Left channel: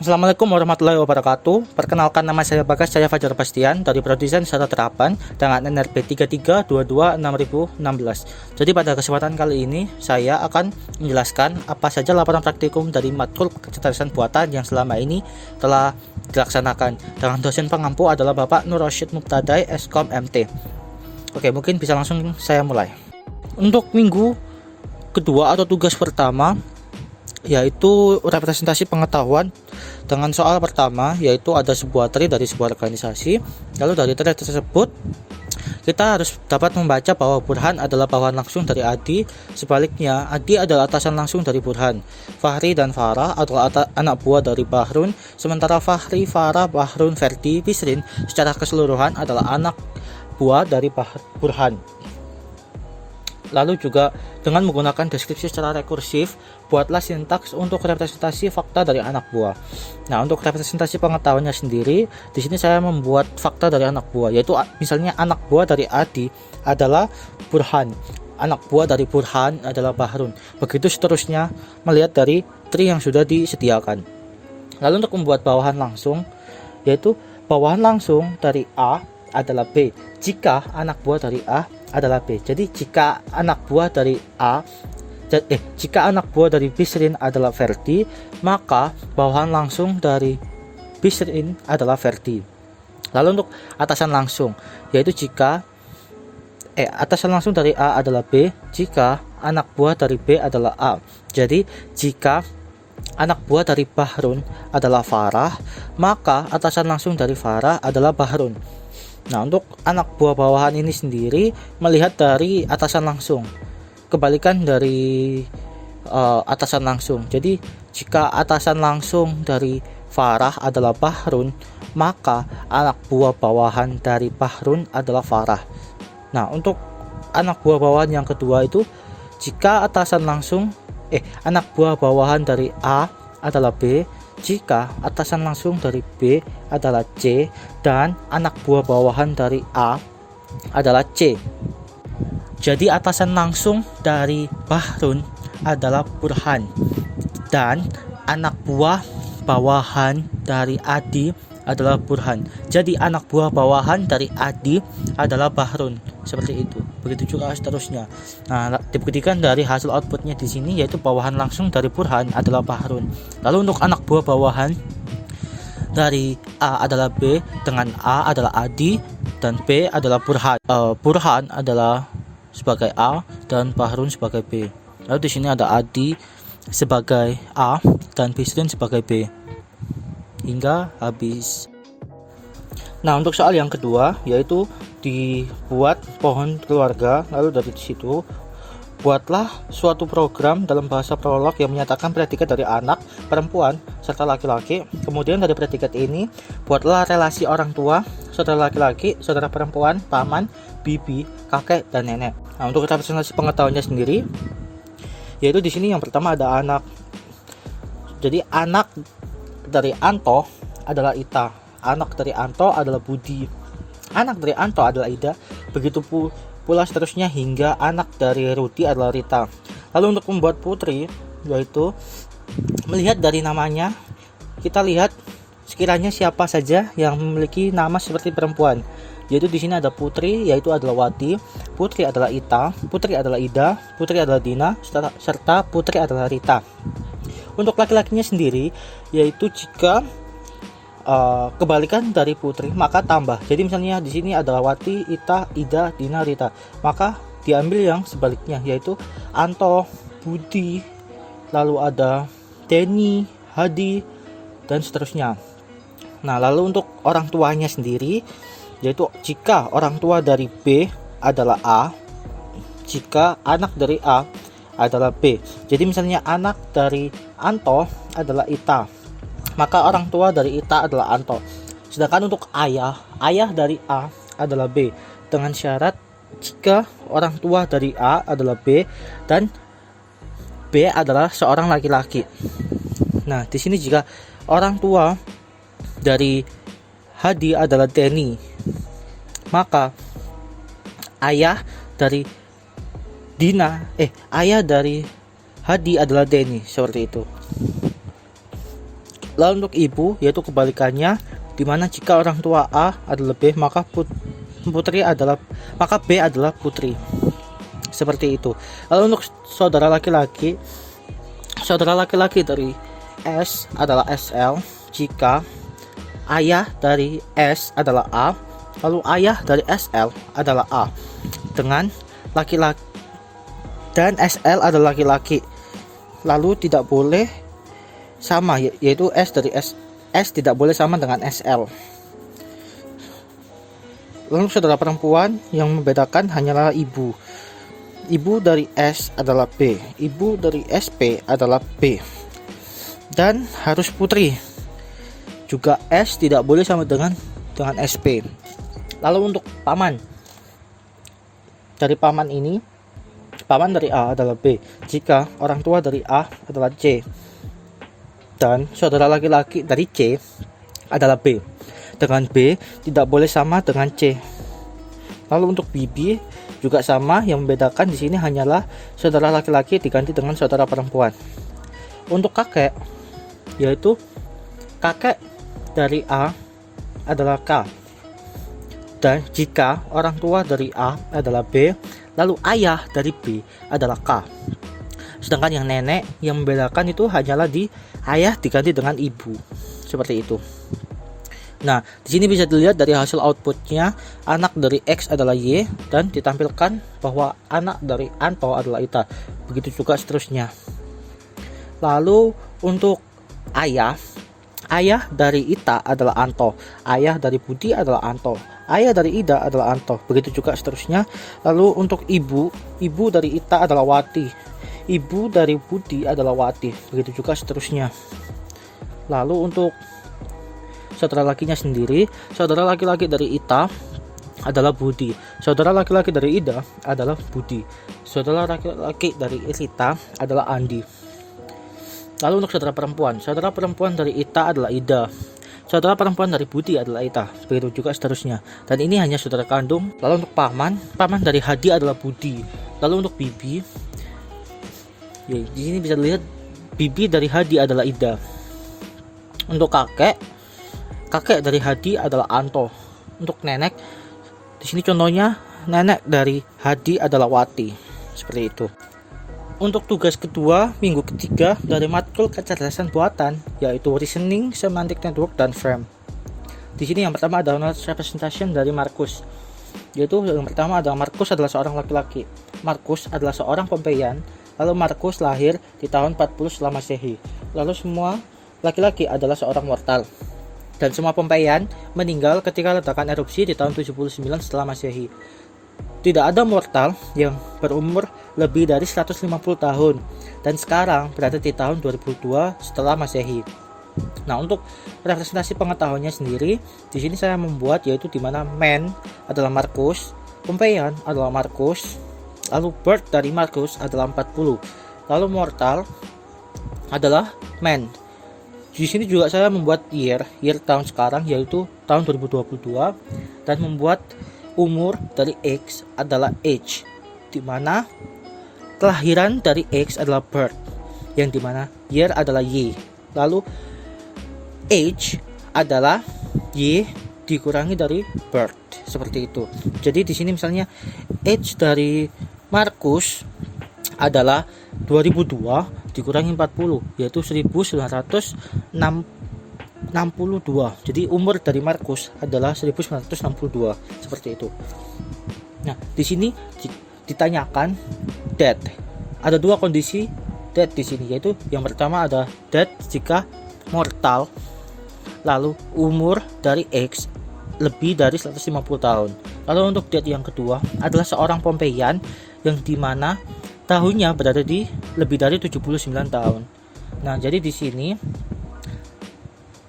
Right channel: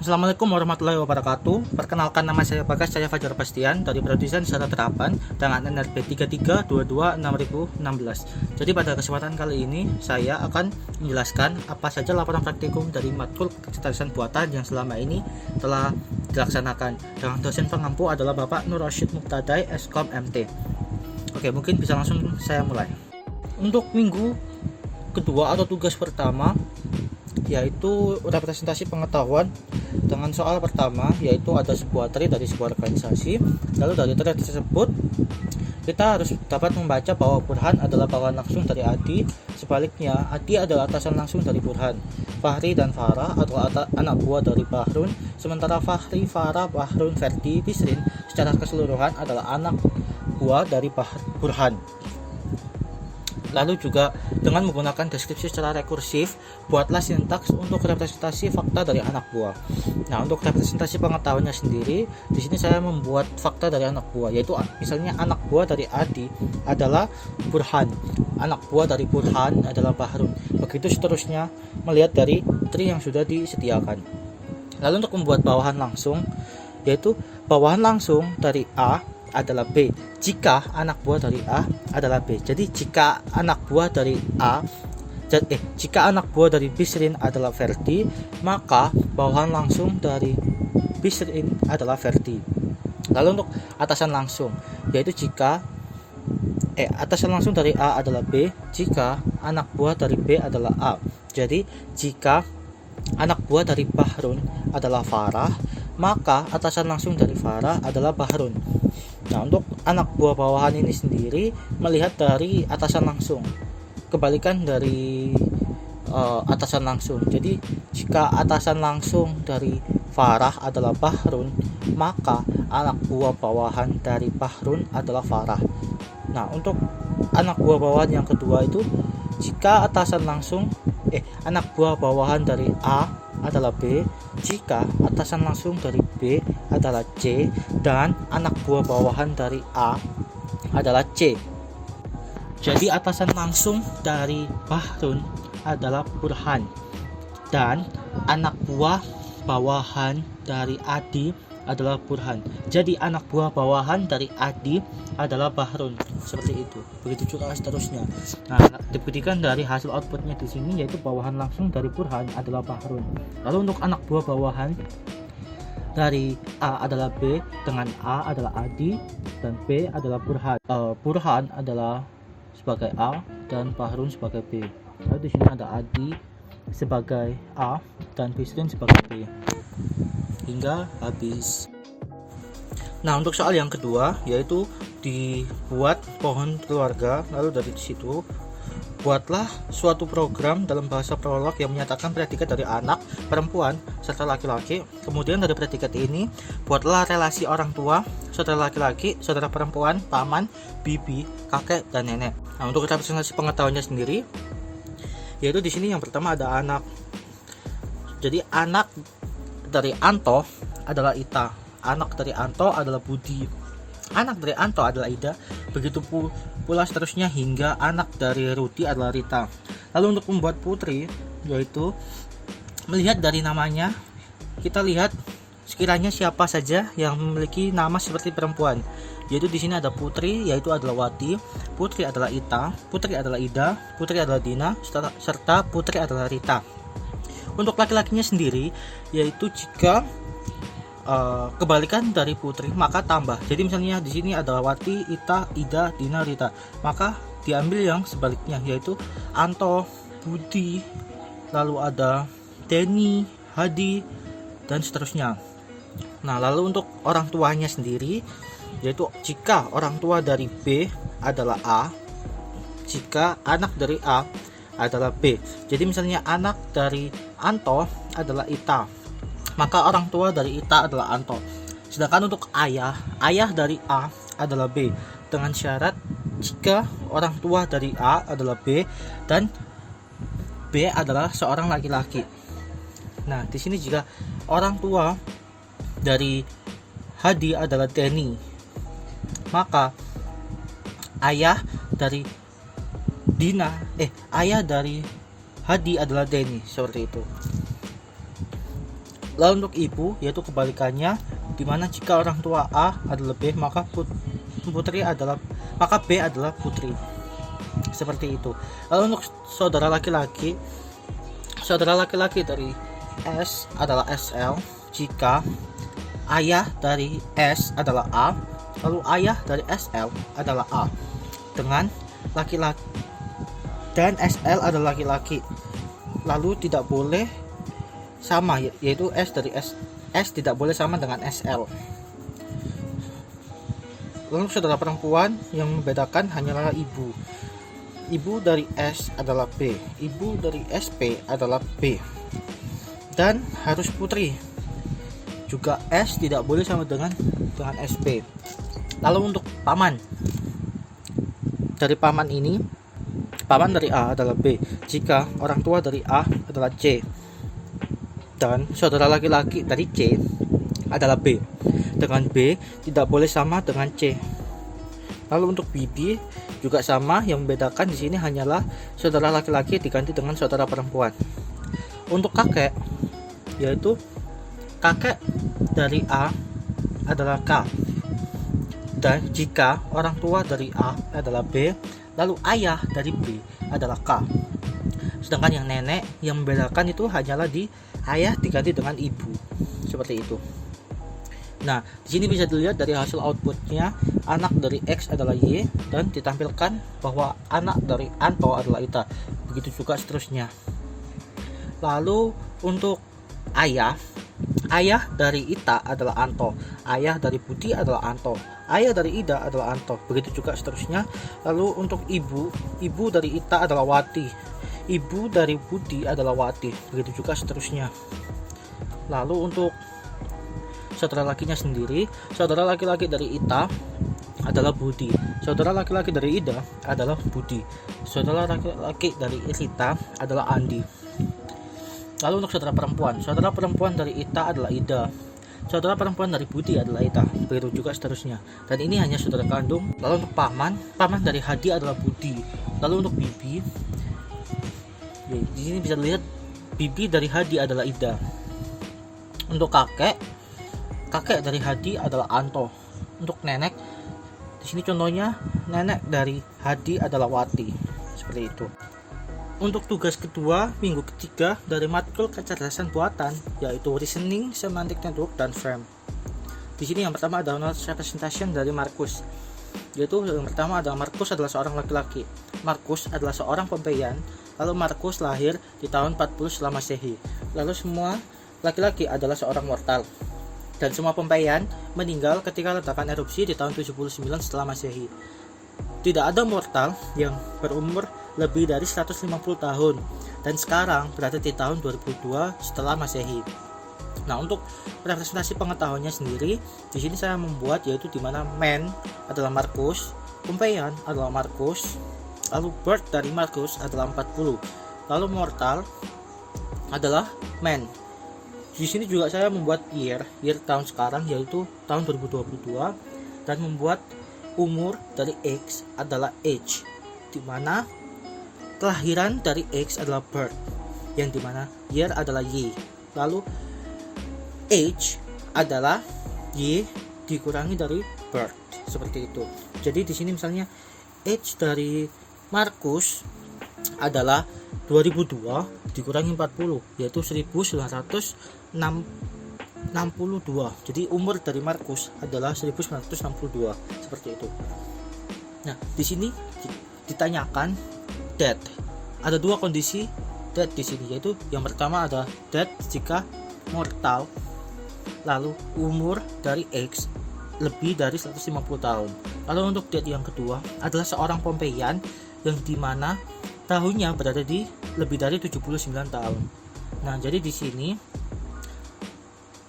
Assalamualaikum warahmatullahi wabarakatuh. Perkenalkan, nama saya Bagas Cahya Fajar Bastian dari Prodi Desain Secara Terapan dengan NRP 33226016. Jadi pada kesempatan kali ini saya akan menjelaskan apa saja laporan praktikum dari matkul kecerdasan buatan yang selama ini telah dilaksanakan. Dengan dosen pengampu adalah Bapak Nur Rosyid Muqtadai, Eskom MT. Oke, mungkin bisa langsung saya mulai. Untuk minggu kedua atau tugas pertama yaitu representasi pengetahuan dengan soal pertama, yaitu ada sebuah tree dari sebuah organisasi. Lalu dari tree tersebut kita harus dapat membaca bahwa Burhan adalah bawahan langsung dari Adi. Sebaliknya, Adi adalah atasan langsung dari Burhan. Fahri dan Farah adalah anak buah dari Bahrun, sementara Fahri, Farah, Bahrun, Ferdi, Bisrin secara keseluruhan adalah anak buah dari Burhan. Lalu juga dengan menggunakan deskripsi secara rekursif, buatlah sintaks untuk representasi fakta dari anak buah. Nah, untuk representasi pengetahuannya sendiri, di sini saya membuat fakta dari anak buah, yaitu misalnya anak buah dari Adi adalah Burhan, anak buah dari Burhan adalah Bahrun. Begitu seterusnya melihat dari tree yang sudah disediakan. Lalu untuk membuat bawahan langsung, yaitu bawahan langsung dari A adalah B jika anak buah dari A adalah B. Jadi jika anak buah dari jika anak buah dari Bisrin adalah Ferdi, maka bawahan langsung dari Bisrin adalah Ferdi. Lalu untuk atasan langsung, yaitu jika atasan langsung dari A adalah B jika anak buah dari B adalah A. Jadi jika anak buah dari Bahrun adalah Farah, maka atasan langsung dari Farah adalah Bahrun. Nah, untuk anak buah bawahan ini sendiri melihat dari atasan langsung, kebalikan dari atasan langsung. Jadi jika atasan langsung dari Farah adalah Bahrun, maka anak buah bawahan dari Bahrun adalah Farah. Nah, untuk anak buah bawahan yang kedua itu jika atasan langsung anak buah bawahan dari A adalah B jika atasan langsung dari B adalah C dan anak buah bawahan dari A adalah C. Jadi atasan langsung dari Bahrun adalah Burhan dan anak buah bawahan dari Adi adalah Burhan. Jadi anak buah bawahan dari Adi adalah Bahrun. Seperti itu. Begitu juga seterusnya. Nah, dibuktikan dari hasil outputnya di sini, yaitu bawahan langsung dari Burhan adalah Bahrun. Lalu untuk anak buah bawahan dari A adalah B, dengan A adalah Adi dan B adalah Burhan. Burhan adalah sebagai A dan Bahrun sebagai B. Lalu di sini ada Adi sebagai A dan Bisrin sebagai B. Hingga habis. Nah, untuk soal yang kedua yaitu dibuat pohon keluarga. Lalu dari situ buatlah suatu program dalam bahasa prolog yang menyatakan predikat dari anak, perempuan, serta laki-laki. Kemudian dari predikat ini buatlah relasi orang tua, saudara laki-laki, saudara perempuan, paman, bibi, kakek, dan nenek. Nah, untuk representasi pengetahuannya sendiri, yaitu di sini yang pertama ada anak. Jadi anak dari Anto adalah Ita, anak dari Anto adalah Budi, anak dari Anto adalah Ida, begitu pula seterusnya hingga anak dari Rudi adalah Rita. Lalu untuk membuat putri, yaitu melihat dari namanya, kita lihat sekiranya siapa saja yang memiliki nama seperti perempuan. Yaitu di sini ada putri, yaitu adalah Wati, putri adalah Ita, putri adalah Ida, putri adalah Dina, serta putri adalah Rita. Untuk laki-lakinya sendiri, yaitu jika kebalikan dari putri maka tambah. Jadi misalnya di sini adalah Wati, Ita, Ida, Dina, Rita, maka diambil yang sebaliknya, yaitu Anto, Budi, lalu ada Denny, Hadi, dan seterusnya. Nah, lalu untuk orang tuanya sendiri, yaitu jika orang tua dari B adalah A, jika anak dari A adalah B. Jadi misalnya anak dari Anto adalah Ita, maka orang tua dari Ita adalah Anto. Sedangkan untuk ayah dari A adalah B, dengan syarat jika orang tua dari A adalah B dan B adalah seorang laki-laki. Nah, di sini jika orang tua dari Hadi adalah Denny, maka ayah dari ayah dari Hadi adalah Denny, seperti itu. Lalu untuk ibu yaitu kebalikannya, dimana jika orang tua A adalah B maka B adalah putri. Seperti itu. Lalu untuk saudara laki-laki dari S adalah SL jika ayah dari S adalah A, lalu ayah dari SL adalah A dengan laki-laki dan SL adalah laki-laki, lalu tidak boleh sama, yaitu S dari S tidak boleh sama dengan SL. Lalu saudara perempuan yang membedakan hanyalah ibu. Ibu dari S adalah B, ibu dari SP adalah B, dan harus putri. Juga S tidak boleh sama dengan SP. Lalu untuk paman, dari paman ini, paman dari A adalah B jika orang tua dari A adalah C, dan saudara laki-laki dari C adalah B. Dengan B tidak boleh sama dengan C. Lalu untuk bibi juga sama, yang membedakan di sini hanyalah saudara laki-laki diganti dengan saudara perempuan. Untuk kakek, yaitu kakek dari A adalah K. Dan jika orang tua dari A adalah B, lalu ayah dari B adalah K. Sedangkan yang nenek, yang membedakan itu hanyalah di ayah diganti dengan ibu. Seperti itu. Nah, di sini bisa dilihat dari hasil outputnya, anak dari X adalah Y, dan ditampilkan bahwa anak dari Anto adalah Ita. Begitu juga seterusnya. Lalu untuk ayah dari Ita adalah Anto, ayah dari Budi adalah Anto, ayah dari Ida adalah Anto. Begitu juga seterusnya. Lalu untuk ibu dari Ita adalah Wati, ibu dari Budi adalah Wati. Begitu juga seterusnya. Lalu untuk saudara lakinya sendiri, saudara laki-laki dari Ita adalah Budi, saudara laki-laki dari Ida adalah Budi, saudara laki-laki dari Ita adalah Andi. Lalu untuk saudara perempuan dari Ita adalah Ida, saudara perempuan dari Budi adalah Ita. Begitu juga seterusnya. Dan ini hanya saudara kandung. Lalu untuk paman dari Hadi adalah Budi. Lalu untuk bibi, ya, di sini bisa dilihat bibi dari Hadi adalah Ida. Untuk kakek dari Hadi adalah Anto. Untuk nenek, di sini contohnya nenek dari Hadi adalah Wati. Seperti itu. Untuk tugas kedua minggu ketiga dari matkul kecerdasan buatan, yaitu reasoning, semantic network, dan frame. Di sini yang pertama adalah knowledge representation dari Markus. Yaitu yang pertama adalah Markus adalah seorang laki-laki. Markus adalah seorang Pompeian. Lalu Markus lahir di tahun 40 setelah Masehi. Lalu semua laki-laki adalah seorang mortal. Dan semua Pompeian meninggal ketika ledakan erupsi di tahun 79 setelah Masehi. Tidak ada mortal yang berumur lebih dari 150 tahun dan sekarang berada di tahun 2002 setelah Masehi. Nah, untuk representasi pengetahuannya sendiri, di sini saya membuat yaitu di mana man adalah Markus, Pompeian adalah Markus, lalu birth dari Markus adalah 40, lalu mortal adalah man. Di sini juga saya membuat year tahun sekarang yaitu tahun 2022 dan membuat umur dari X adalah age, di mana kelahiran dari X adalah birth, yang dimana year adalah Y, lalu age adalah Y dikurangi dari birth, seperti itu. Jadi di sini misalnya age dari Markus adalah 2002 dikurangi 40 yaitu 1962. Jadi umur dari Markus adalah 1962, seperti itu. Nah, di sini ditanyakan death. Ada dua kondisi death di sini, yaitu yang pertama ada death jika mortal, lalu umur dari X lebih dari 150 tahun. Lalu untuk death yang kedua adalah seorang Pompeian yang dimana tahunnya berada di lebih dari 79 tahun. Nah, jadi di sini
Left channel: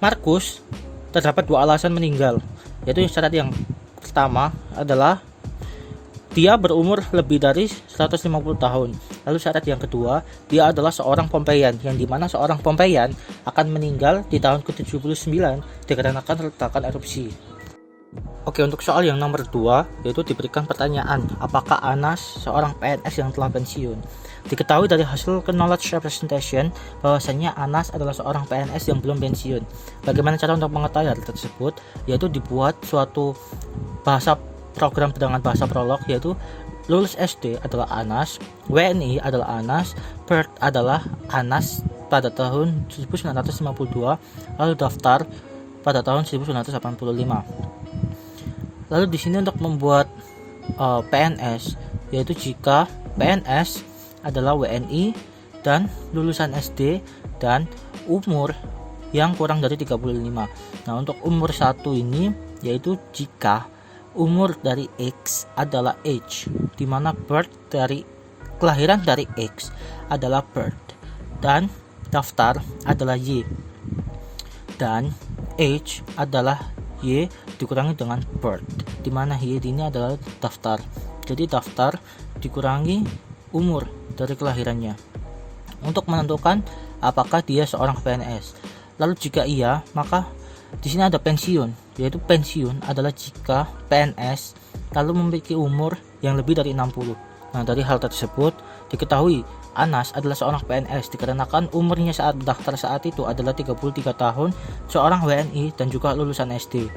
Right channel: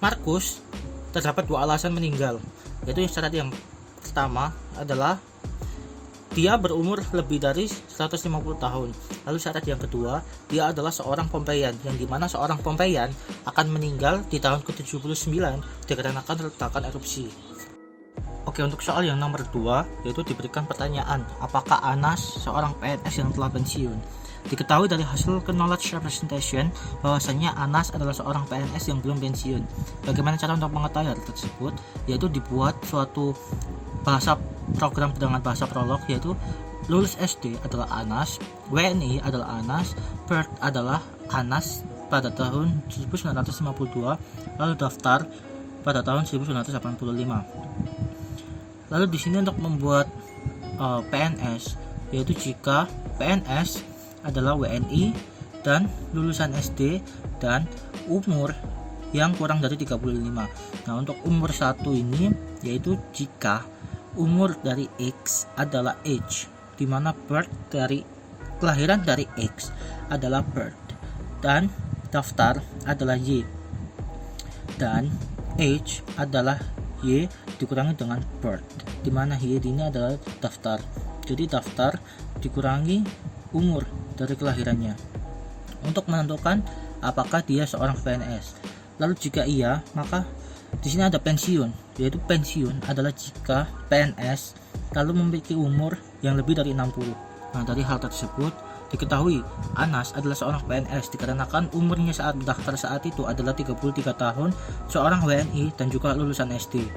Markus terdapat dua alasan meninggal, yaitu syarat yang pertama adalah dia berumur lebih dari 150 tahun. Lalu syarat yang kedua, dia adalah seorang Pompeian, yang dimana seorang Pompeian akan meninggal di tahun ke-79 dikarenakan ledakan erupsi. Oke, untuk soal yang nomor 2, yaitu diberikan pertanyaan, apakah Anas seorang PNS yang telah pensiun? Diketahui dari hasil knowledge representation bahwasannya Anas adalah seorang PNS yang belum pensiun. Bagaimana cara untuk mengetahui hal tersebut? Yaitu dibuat suatu bahasa program dengan bahasa prolog, yaitu lulus SD adalah Anas, WNI adalah Anas, PERT adalah Anas pada tahun 1952, lalu daftar pada tahun 1985. Lalu di sini untuk membuat PNS, yaitu jika PNS adalah WNI dan lulusan SD dan umur yang kurang dari 35. Nah, untuk umur 1 ini yaitu jika umur dari X adalah age, di mana birth dari kelahiran dari X adalah birth, dan daftar adalah Y, dan age adalah Y dikurangi dengan birth, di mana Y ini adalah daftar. Jadi daftar dikurangi umur dari kelahirannya untuk menentukan apakah dia seorang PNS. Lalu jika iya, maka di sini ada pensiun, yaitu pensiun adalah jika PNS lalu memiliki umur yang lebih dari 60. Nah, dari hal tersebut diketahui Anas adalah seorang PNS dikarenakan umurnya saat daftar saat itu adalah 33 tahun, seorang WNI dan juga lulusan SD.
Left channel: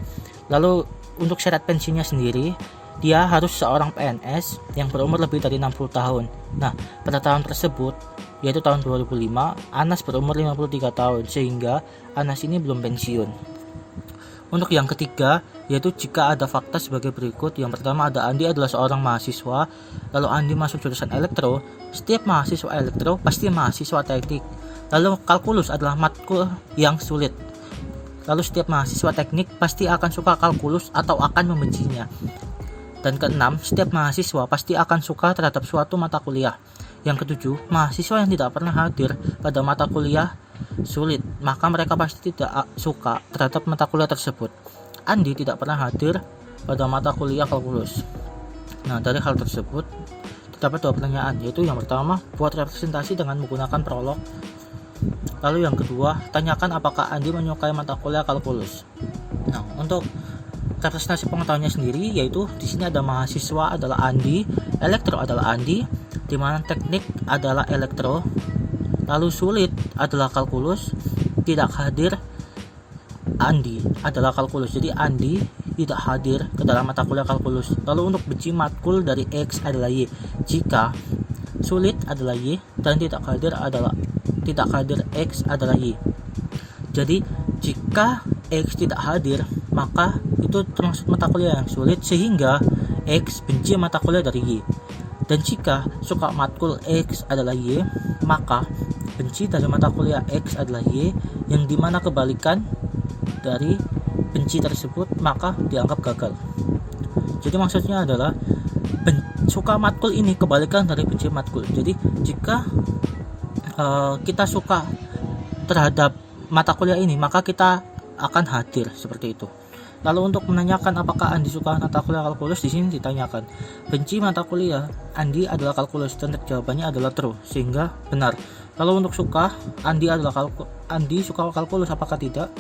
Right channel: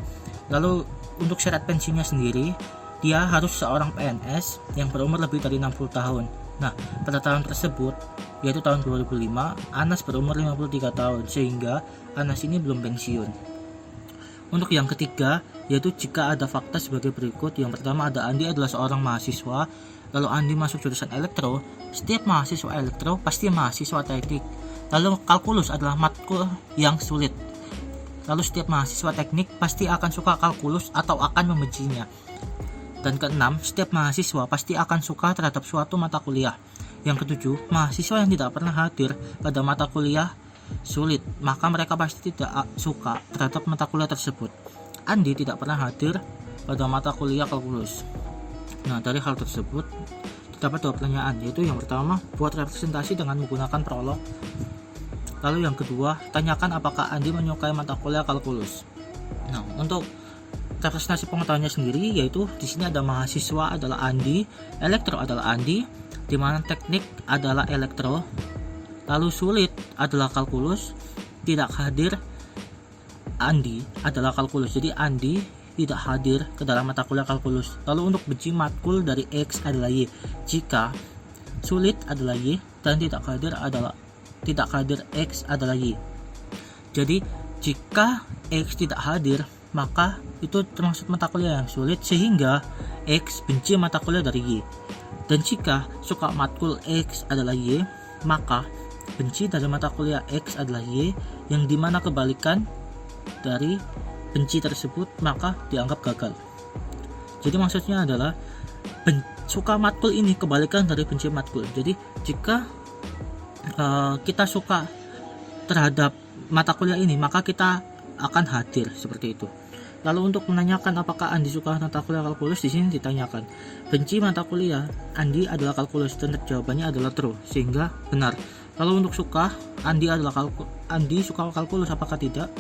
Lalu untuk syarat pensiunnya sendiri, dia harus seorang PNS yang berumur lebih dari 60 tahun. Nah, pada tahun tersebut, yaitu tahun 2005, Anas berumur 53 tahun, sehingga Anas ini belum pensiun. Untuk yang ketiga, yaitu jika ada fakta sebagai berikut. Yang pertama ada Andi adalah seorang mahasiswa, lalu Andi masuk jurusan elektro. Setiap mahasiswa elektro pasti mahasiswa teknik. Lalu kalkulus adalah matkul yang sulit. Lalu setiap mahasiswa teknik pasti akan suka kalkulus atau akan membencinya. Dan keenam, setiap mahasiswa pasti akan suka terhadap suatu mata kuliah. Yang ketujuh, mahasiswa yang tidak pernah hadir pada mata kuliah sulit, maka mereka pasti tidak suka terhadap mata kuliah tersebut. Andi tidak pernah hadir pada mata kuliah kalkulus. Nah, dari hal tersebut terdapat 2 pertanyaan, yaitu yang pertama, buat representasi dengan menggunakan prolog. Lalu yang kedua, tanyakan apakah Andi menyukai mata kuliah kalkulus. Nah, untuk representasi pengetahuannya sendiri, yaitu di sini ada mahasiswa adalah Andi, elektro adalah Andi, di mana teknik adalah elektro, lalu sulit adalah kalkulus, tidak hadir Andi adalah kalkulus. Jadi Andi tidak hadir ke dalam mata kuliah kalkulus. Lalu untuk benci matkul dari X adalah Y, jika sulit adalah Y dan tidak hadir X adalah Y. Jadi jika X tidak hadir, maka itu termasuk mata kuliah yang sulit, sehingga X benci mata kuliah dari Y. Dan jika suka matkul X adalah Y, maka benci dari mata kuliah X adalah Y, yang dimana kebalikan dari benci tersebut maka dianggap gagal. Jadi maksudnya adalah suka matkul ini kebalikan dari benci matkul. Jadi jika kita suka terhadap mata kuliah ini, maka kita akan hadir seperti itu. Lalu untuk menanyakan apakah Andi suka mata kuliah kalkulus, di sini ditanyakan benci mata kuliah Andi adalah kalkulus, dan jawabannya adalah true, sehingga benar. Lalu untuk suka Andi suka kalkulus apakah tidak?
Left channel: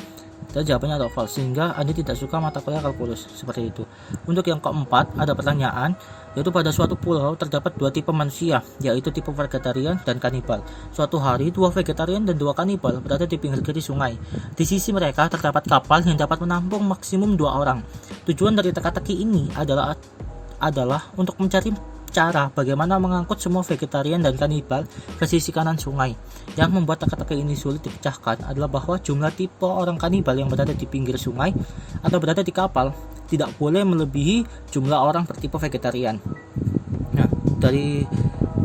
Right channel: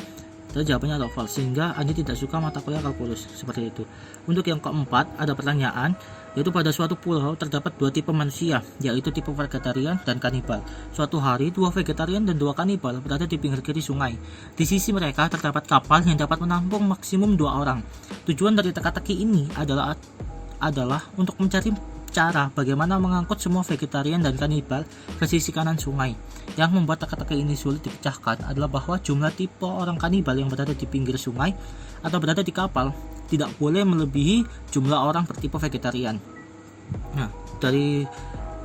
Dan jawabannya adalah false, sehingga Andi tidak suka mata kuliah kalkulus, seperti itu. Untuk yang keempat ada pertanyaan, yaitu pada suatu pulau terdapat 2 tipe manusia, yaitu tipe vegetarian dan kanibal. Suatu hari 2 vegetarian dan 2 kanibal berada di pinggir kiri sungai. Di sisi mereka terdapat kapal yang dapat menampung maksimum 2 orang. Tujuan dari teka-teki ini adalah untuk mencari cara bagaimana mengangkut semua vegetarian dan kanibal ke sisi kanan sungai. Yang membuat teka-teki ini sulit dipecahkan adalah bahwa jumlah tipe orang kanibal yang berada di pinggir sungai atau berada di kapal tidak boleh melebihi jumlah orang bertipe vegetarian. Nah, dari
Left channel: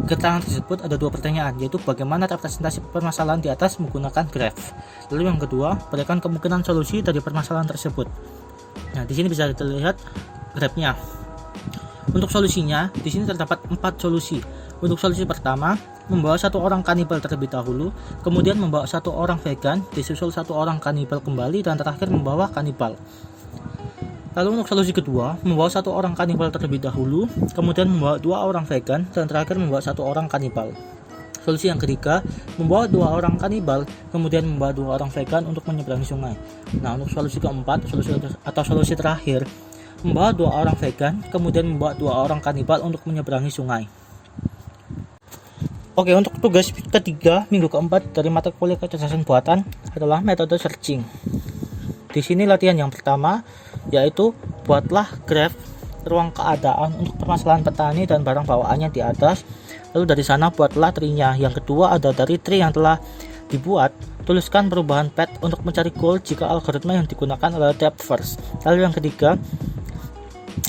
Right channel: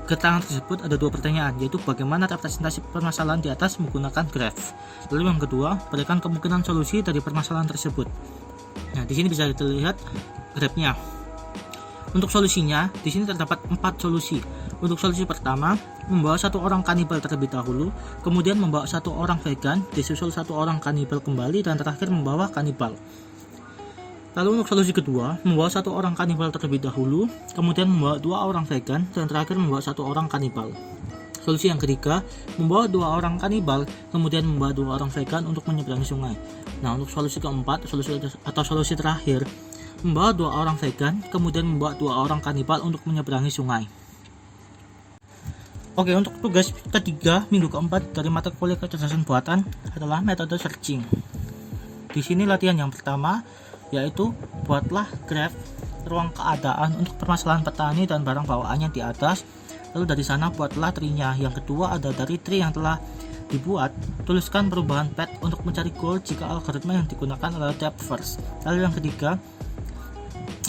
keterangan tersebut ada 2 pertanyaan, yaitu bagaimana representasi permasalahan di atas menggunakan graf. Lalu yang kedua, berikan kemungkinan solusi dari permasalahan tersebut. Nah, di sini bisa dilihat grafnya. Untuk solusinya, di sini terdapat 4 solusi. Untuk solusi pertama, membawa 1 orang kanibal terlebih dahulu, kemudian membawa 1 orang vegan, disusul 1 orang kanibal kembali, dan terakhir membawa kanibal. Lalu untuk solusi kedua, membawa 1 orang kanibal terlebih dahulu, kemudian membawa 2 orang vegan, dan terakhir membawa 1 orang kanibal. Solusi yang ketiga, membawa 2 orang kanibal, kemudian membawa 2 orang vegan untuk menyeberangi sungai. Nah, untuk solusi keempat, solusi terakhir, membawa 2 orang vegan, kemudian membawa 2 orang kanibal untuk menyeberangi sungai. Oke, untuk tugas ketiga minggu keempat dari mata kuliah kecerdasan buatan adalah metode searching. Di sini latihan yang pertama yaitu buatlah graf ruang keadaan untuk permasalahan petani dan barang bawaannya di atas. Lalu dari sana buatlah tree-nya. Yang kedua ada dari tree yang telah dibuat, tuliskan perubahan path untuk mencari goal jika algoritma yang digunakan adalah depth first. Lalu yang ketiga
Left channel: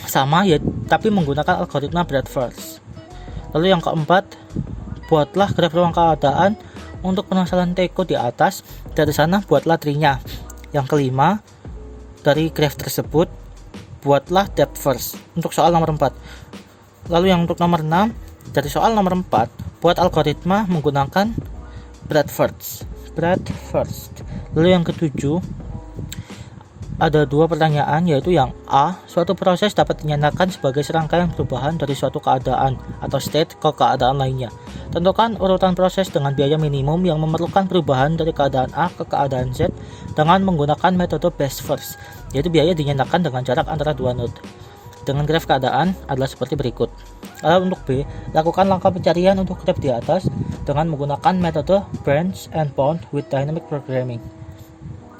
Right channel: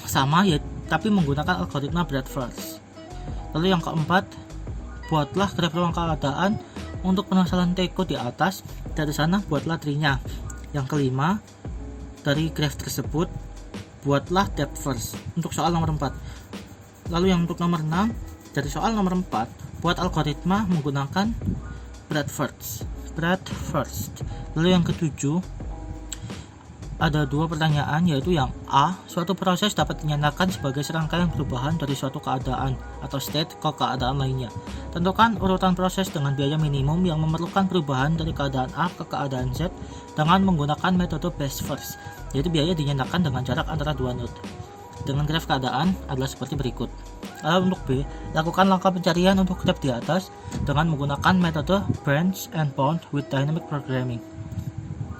sama ya, tapi menggunakan algoritma breadth first. Lalu yang keempat, buatlah graf ruang keadaan untuk permasalahan teko di atas. Dari sana buatlah tree-nya. Yang kelima, dari graf tersebut buatlah depth first untuk soal nomor 4. Lalu yang untuk nomor 6, dari soal nomor 4 buat algoritma menggunakan breadth first. Lalu yang ketujuh ada dua pertanyaan, yaitu yang A, suatu proses dapat dinyatakan sebagai serangkaian perubahan dari suatu keadaan atau state ke keadaan lainnya. Tentukan urutan proses dengan biaya minimum yang memerlukan perubahan dari keadaan A ke keadaan Z dengan menggunakan metode best first, yaitu biaya dinyatakan dengan jarak antara dua node. Dengan graf keadaan adalah seperti berikut. Lalu untuk B, lakukan langkah pencarian untuk graf di atas dengan menggunakan metode branch and bound with dynamic programming.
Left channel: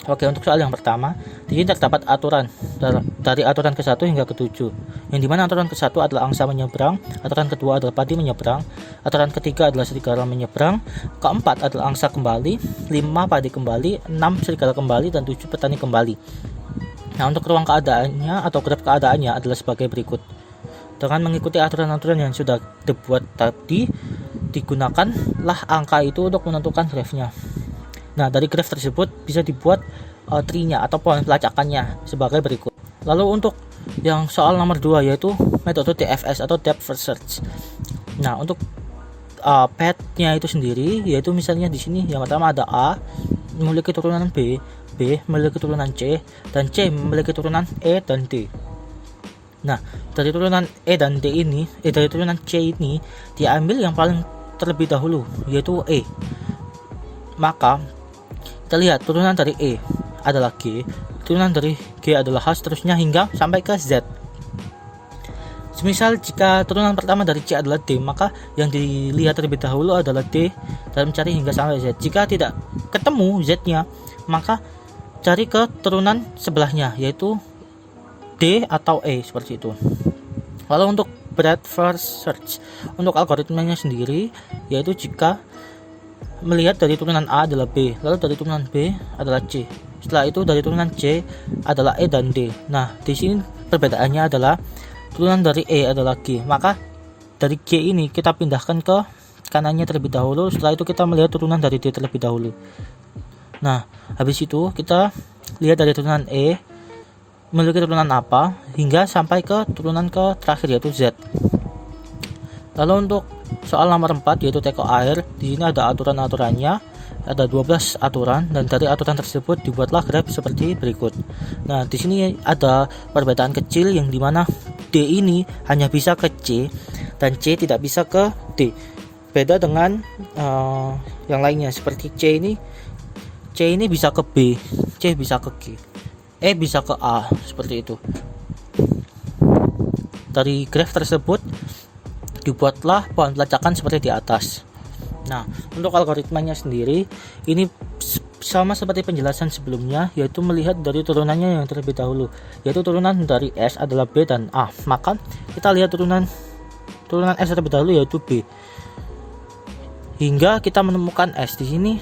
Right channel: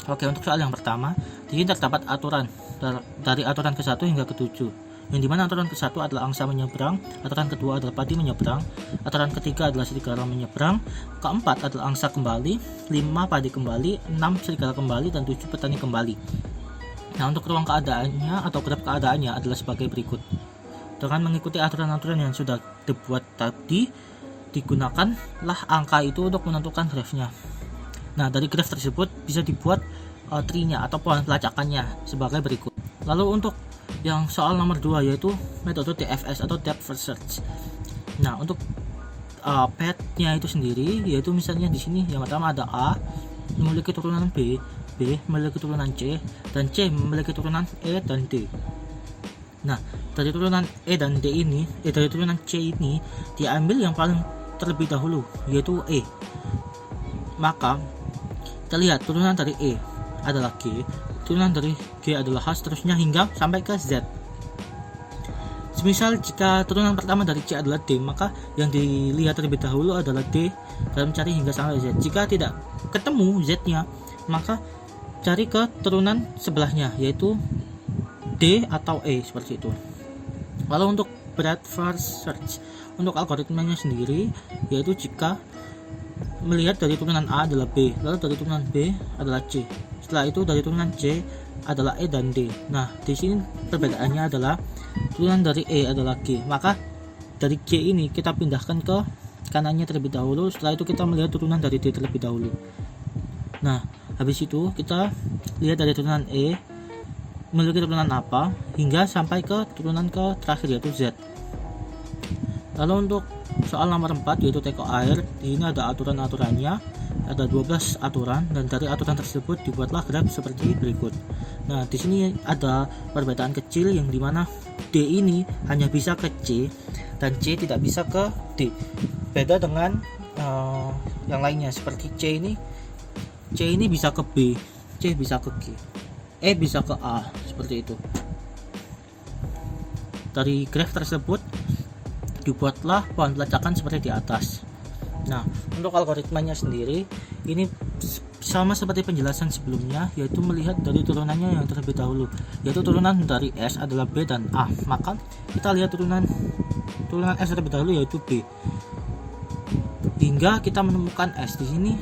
Oke, untuk soal yang pertama, di sini terdapat aturan dari aturan ke-1 hingga ke-7, yang dimana aturan ke-1 adalah angsa menyeberang, aturan kedua adalah padi menyeberang, aturan ketiga adalah serigala menyeberang, keempat adalah angsa kembali, 5 padi kembali, 6 serigala kembali, dan 7 petani kembali. Nah, untuk ruang keadaannya atau graf keadaannya adalah sebagai berikut. Dengan mengikuti aturan-aturan yang sudah dibuat tadi, digunakanlah angka itu untuk menentukan grafnya. Nah, dari graf tersebut bisa dibuat tree-nya atau pohon pelacakannya sebagai berikut. Lalu untuk yang soal nomor 2 yaitu metode DFS atau depth first search. Nah, untuk path-nya itu sendiri yaitu misalnya di sini yang pertama ada A memiliki turunan B memiliki turunan C, dan C memiliki turunan E dan D. Nah, dari turunan E dan D ini, dari turunan C ini diambil yang paling terlebih dahulu yaitu E. Maka kita lihat turunan dari E adalah G, turunan dari G adalah H, seterusnya hingga sampai ke Z. Semisal jika turunan pertama dari C adalah D, maka yang dilihat terlebih dahulu adalah D dan mencari hingga sampai Z. Jika tidak ketemu Z-nya, maka cari ke turunan sebelahnya yaitu D atau E, seperti itu. Lalu untuk breadth first search, untuk algoritmanya sendiri yaitu jika melihat dari turunan A adalah B, lalu dari turunan B adalah C, setelah itu dari turunan C adalah E dan D. Nah, di sini perbedaannya adalah turunan dari E adalah G, maka dari G ini kita pindahkan ke kanannya terlebih dahulu, setelah itu kita melihat turunan dari D terlebih dahulu. Nah, habis itu kita lihat dari turunan E memiliki turunan apa hingga sampai ke turunan ke terakhir yaitu Z. Lalu untuk soal nomor 4 yaitu teko air, di sini ada aturan-aturannya, ada 12 aturan, dan dari aturan tersebut dibuatlah graf seperti berikut. Nah, di sini ada perbedaan kecil yang dimana D ini hanya bisa ke C dan C tidak bisa ke D. Beda dengan yang lainnya seperti C ini bisa ke B, C bisa ke G, E bisa ke A, seperti itu. Dari graf tersebut dibuatlah pohon pelacakan seperti di atas. Nah, untuk algoritmanya sendiri ini sama seperti penjelasan sebelumnya, yaitu melihat dari turunannya yang terlebih dahulu, yaitu turunan dari S adalah B dan A. Maka kita lihat turunan S terlebih dahulu yaitu B hingga kita menemukan S. Di sini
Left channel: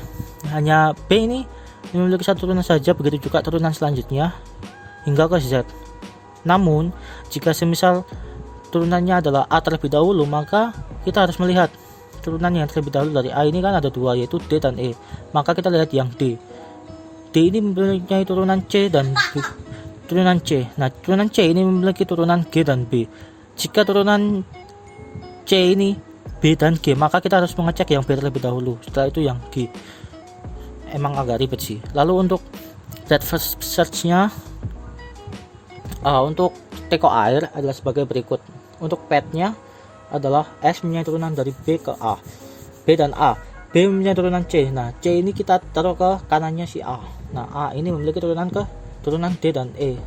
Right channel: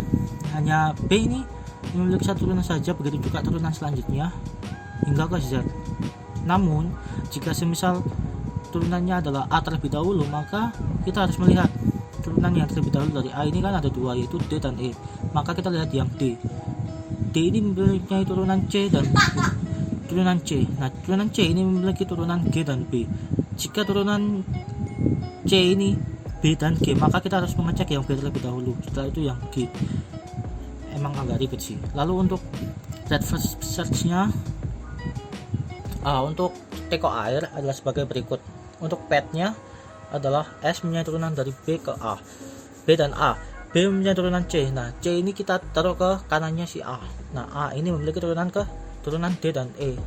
hanya B ini memiliki satu turunan saja, begitu juga turunan selanjutnya hingga ke Z. Namun jika semisal turunannya adalah A terlebih dahulu, maka kita harus melihat turunan yang terlebih dahulu dari A ini kan ada dua yaitu D dan E. Maka kita lihat yang D ini memiliki turunan C dan turunan C. Nah, turunan C ini memiliki turunan G dan B. Jika turunan C ini B dan G, maka kita harus mengecek yang B terlebih dahulu, setelah itu yang G. Emang agak ribet sih. Lalu untuk breadth first search-nya untuk teko air adalah sebagai berikut. Untuk path-nya adalah S mempunyai turunan dari B ke A, B dan A, B mempunyai turunan C. Nah, C ini kita taruh ke kanannya si A. Nah, A ini memiliki turunan D dan E.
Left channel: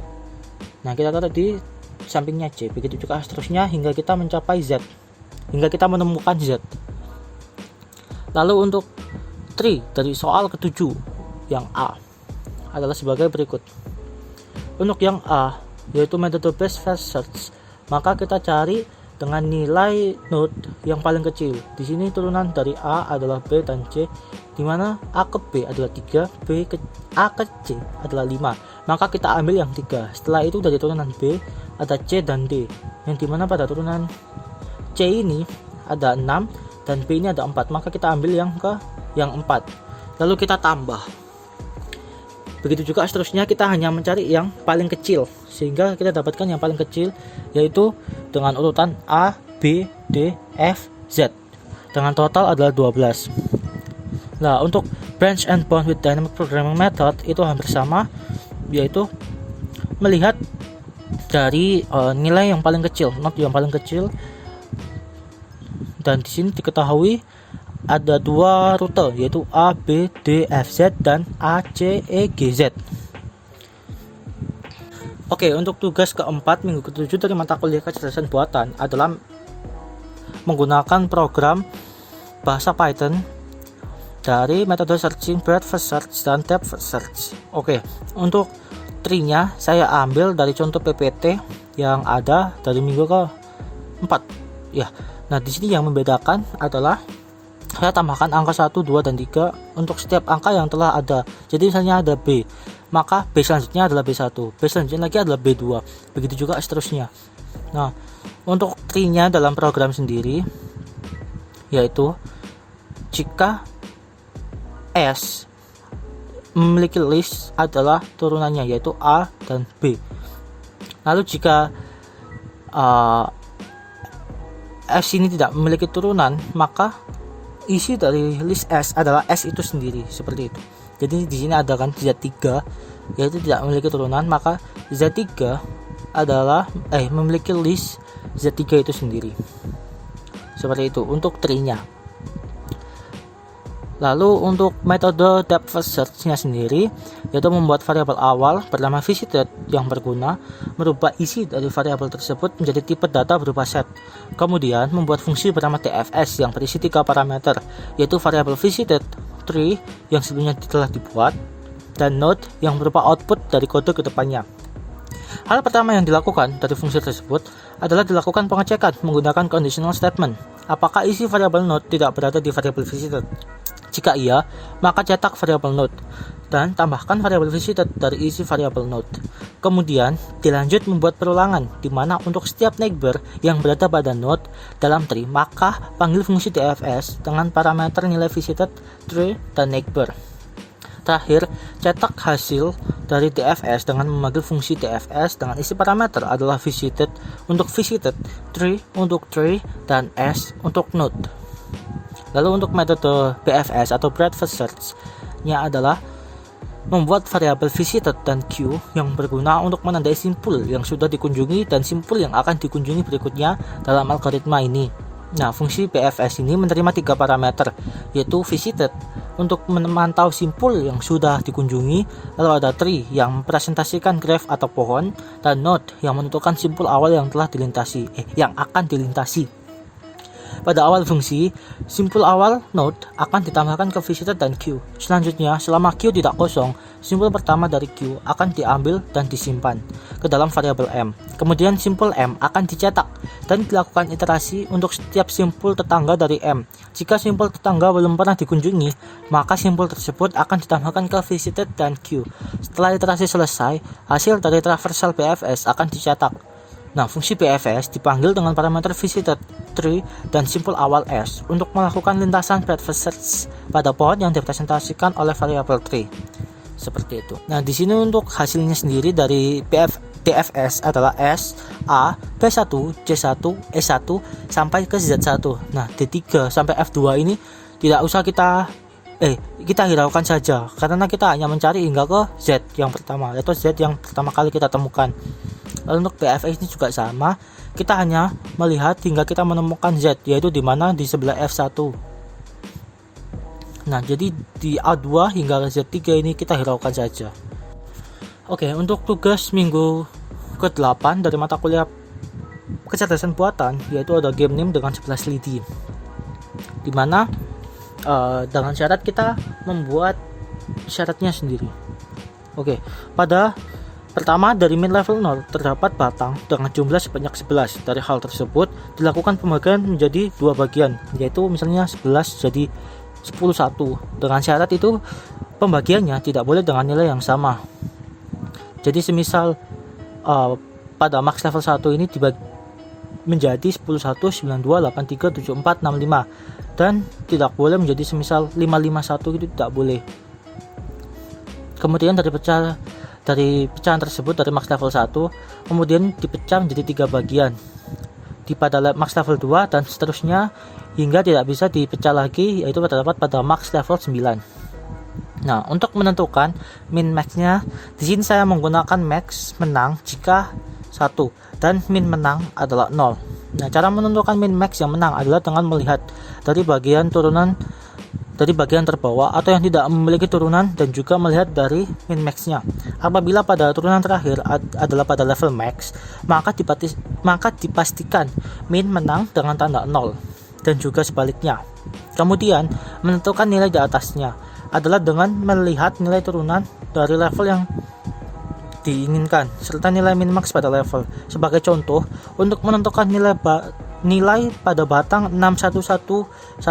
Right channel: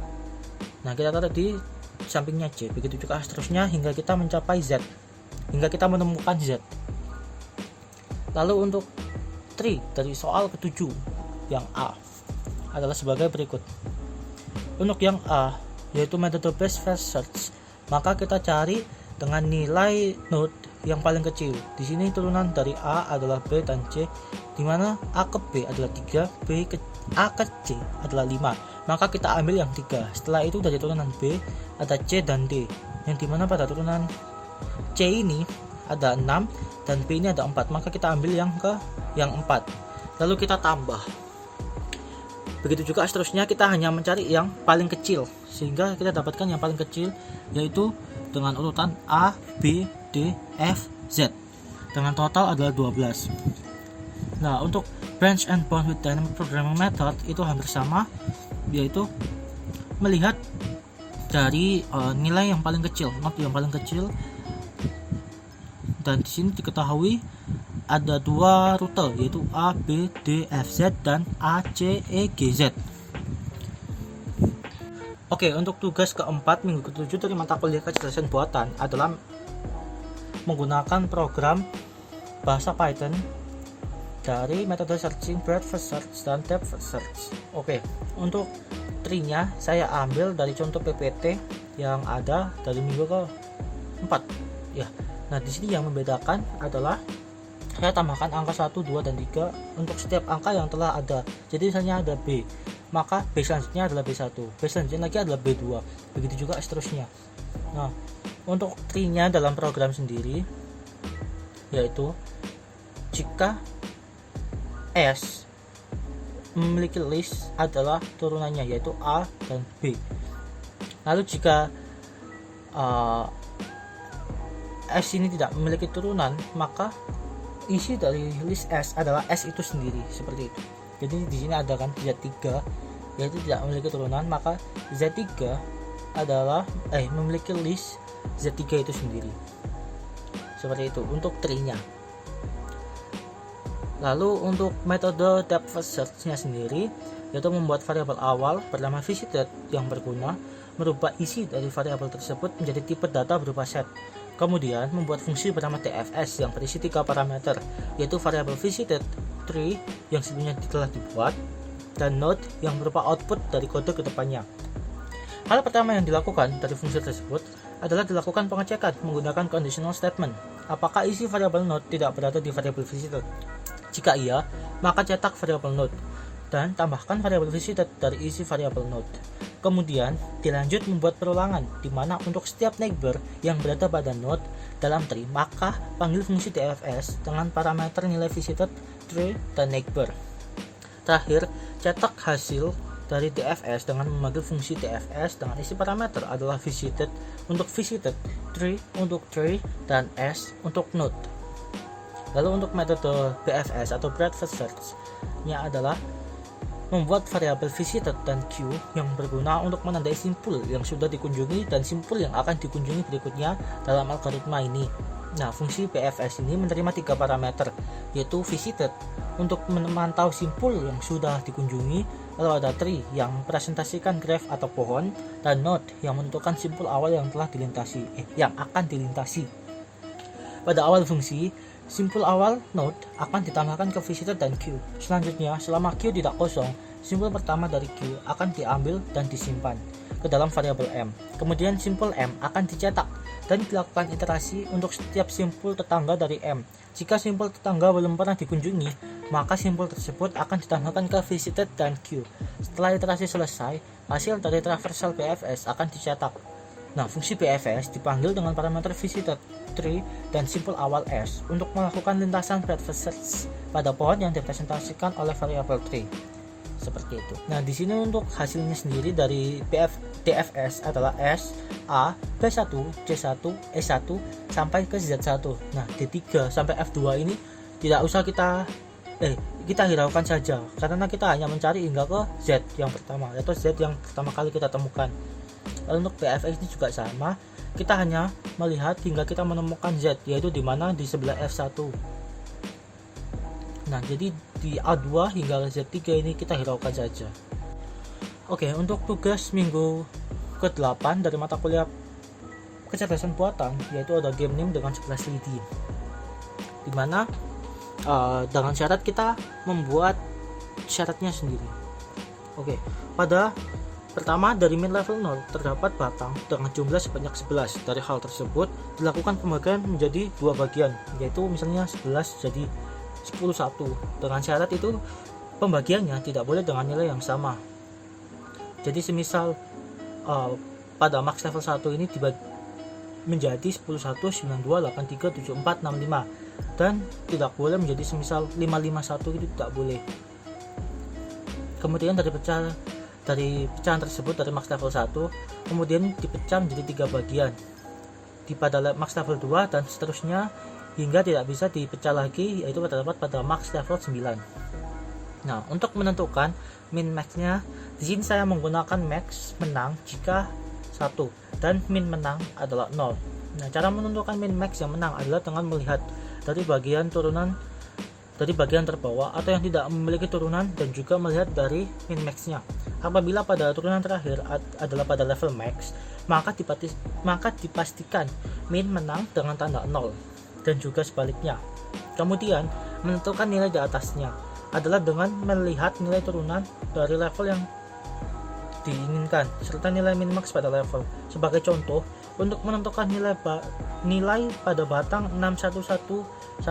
Nah, kita taruh di sampingnya C. Begitu juga seterusnya hingga kita mencapai Z, hingga kita menemukan Z. Lalu untuk tree dari soal ke-7 yang A adalah sebagai berikut. Untuk yang A, yaitu metode best first search, maka kita cari dengan nilai node yang paling kecil. Di sini turunan dari A adalah B dan C, di mana A ke B adalah 3, A ke C adalah 5. Maka kita ambil yang 3. Setelah itu dari turunan B ada C dan D, yang dimana pada turunan C ini ada 6 dan B ini ada 4. Maka kita ambil yang 4. Lalu kita tambah. Begitu juga seterusnya, kita hanya mencari yang paling kecil sehingga kita dapatkan yang paling kecil, yaitu dengan urutan A, B, D, F, Z dengan total adalah 12. Nah, untuk branch and bound with dynamic programming method itu hampir sama, yaitu melihat dari nilai yang paling kecil, node yang paling kecil, dan di sini diketahui ada 2 rute, yaitu A, B, D, F, Z dan A, C, E, G, Z. Oke, untuk tugas keempat minggu ke-7 dari mata kuliah kecerdasan buatan adalah menggunakan program bahasa Python dari metode searching, breadth first search dan depth first search. Oke, untuk tree-nya saya ambil dari contoh PPT yang ada dari minggu ke-4. Ya. Nah, di sini yang membedakan adalah saya tambahkan angka 1, 2 dan 3 untuk setiap angka yang telah ada. Jadi misalnya ada B, maka B selanjutnya adalah B1, B selanjutnya lagi adalah B2, begitu juga seterusnya. Nah, untuk tree-nya dalam program sendiri, yaitu jika S memiliki list adalah turunannya, yaitu A dan B. Lalu jika S ini tidak memiliki turunan, maka isi dari list S adalah S itu sendiri, seperti itu. Jadi di sini ada kan Z3, yaitu tidak memiliki turunan, maka Z3 adalah memiliki list Z3 itu sendiri. Seperti itu untuk tree-nya. Lalu untuk metode depth first search-nya sendiri, yaitu membuat variabel awal bernama visited yang berguna merubah isi dari variabel tersebut menjadi tipe data berupa set. Kemudian membuat fungsi bernama TFS yang berisi 3 parameter, yaitu variabel visited, tree yang sebelumnya telah dibuat, dan node yang berupa output dari kode ke depannya. Hal pertama yang dilakukan dari fungsi tersebut adalah dilakukan pengecekan menggunakan conditional statement. Apakah isi variabel node tidak berada di variabel visited? Jika iya, maka cetak variabel node dan tambahkan variabel visited dari isi variabel node. Kemudian dilanjut membuat perulangan, di mana untuk setiap neighbor yang berada pada node dalam tree, maka panggil fungsi TFS dengan parameter nilai visited, tree, dan neighbor. Terakhir, cetak hasil dari TFS dengan memanggil fungsi TFS dengan isi parameter adalah visited untuk visited, tree untuk tree, dan S untuk node. Lalu untuk metode BFS atau breadth first search-nya adalah membuat variabel visited dan Q yang berguna untuk menandai simpul yang sudah dikunjungi dan simpul yang akan dikunjungi berikutnya dalam algoritma ini. Nah, fungsi BFS ini menerima 3 parameter, yaitu visited untuk memantau simpul yang sudah dikunjungi, lalu ada tree yang mempresentasikan graph atau pohon, dan node yang menentukan simpul awal yang telah dilintasi, yang akan dilintasi. Pada awal fungsi, simpul awal node akan ditambahkan ke visited dan Q. Selanjutnya, selama Q tidak kosong, simpul pertama dari Q akan diambil dan disimpan ke dalam variabel M. Kemudian simpul M akan dicetak dan dilakukan iterasi untuk setiap simpul tetangga dari M. Jika simpul tetangga belum pernah dikunjungi, maka simpul tersebut akan ditambahkan ke visited dan Q. Setelah iterasi selesai, hasil dari traversal BFS akan dicetak. Nah, fungsi BFS dipanggil dengan parameter visited, tree, dan simpul awal S untuk melakukan lintasan breadth first search pada pohon yang direpresentasikan oleh variabel tree. Seperti itu. Nah, di sini untuk hasilnya sendiri dari DFS adalah S, A, B1, C1, E1 sampai ke Z1. Nah, D3 sampai F2 ini tidak usah kita hiraukan saja, karena kita hanya mencari hingga ke Z yang pertama, yaitu Z yang pertama kali kita temukan. Lalu untuk BFS ini juga sama, kita hanya melihat hingga kita menemukan Z, yaitu di mana di sebelah F1. Nah, jadi di A2 hingga Z3 ini kita hiraukan saja. Oke, untuk tugas minggu ke-8 dari mata kuliah kecerdasan buatan, yaitu ada game name dengan 11 lidi, di mana dengan syarat kita membuat syaratnya sendiri. Oke, pada pertama dari min level 0 terdapat batang dengan jumlah sebanyak 11. Dari hal tersebut dilakukan pembagian menjadi dua bagian, yaitu misalnya 11 jadi 10 1. Dengan syarat itu pembagiannya tidak boleh dengan nilai yang sama. Jadi semisal pada max level 1 ini dibagi menjadi 10 1 9 2 8 3 7 4 6 5, dan tidak boleh menjadi semisal 5 5 1, itu tidak boleh. Kemudian dari pecahan tersebut dari max level 1 kemudian dipecah menjadi 3 bagian pada max level 2 dan seterusnya hingga tidak bisa dipecah lagi, yaitu terdapat pada max level 9. Nah, untuk menentukan min maxnya di sini saya menggunakan max menang jika 1 dan min menang adalah 0. Nah, cara menentukan min max yang menang adalah dengan melihat dari bagian turunan dari bagian terbawah atau yang tidak memiliki turunan, dan juga melihat dari min maxnya. Apabila pada turunan terakhir adalah pada level max, maka dipastikan min menang dengan tanda 0, dan juga sebaliknya. Kemudian menentukan nilai di atasnya adalah dengan melihat nilai turunan dari level yang diinginkan serta nilai min max pada level. Sebagai contoh, untuk menentukan nilai pada batang 611111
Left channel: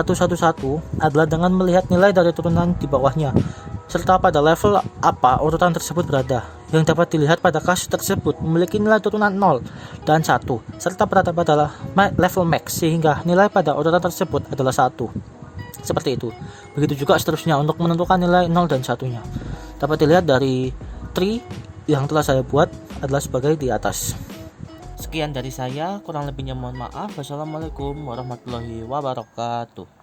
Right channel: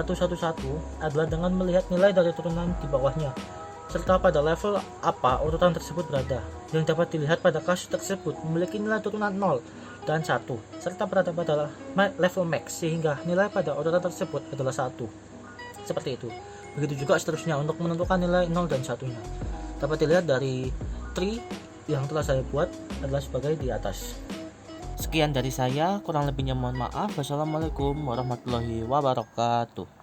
adalah dengan melihat nilai dari turunan di bawahnya serta pada level apa urutan tersebut berada, yang dapat dilihat pada kasus tersebut memiliki nilai turunan 0 dan 1 serta berada pada level max sehingga nilai pada urutan tersebut adalah 1. Seperti itu. Begitu juga seterusnya untuk menentukan nilai 0 dan 1-nya. Dapat dilihat dari tree yang telah saya buat adalah sebagai di atas. Sekian dari saya, kurang lebihnya mohon maaf. Wassalamualaikum warahmatullahi wabarakatuh.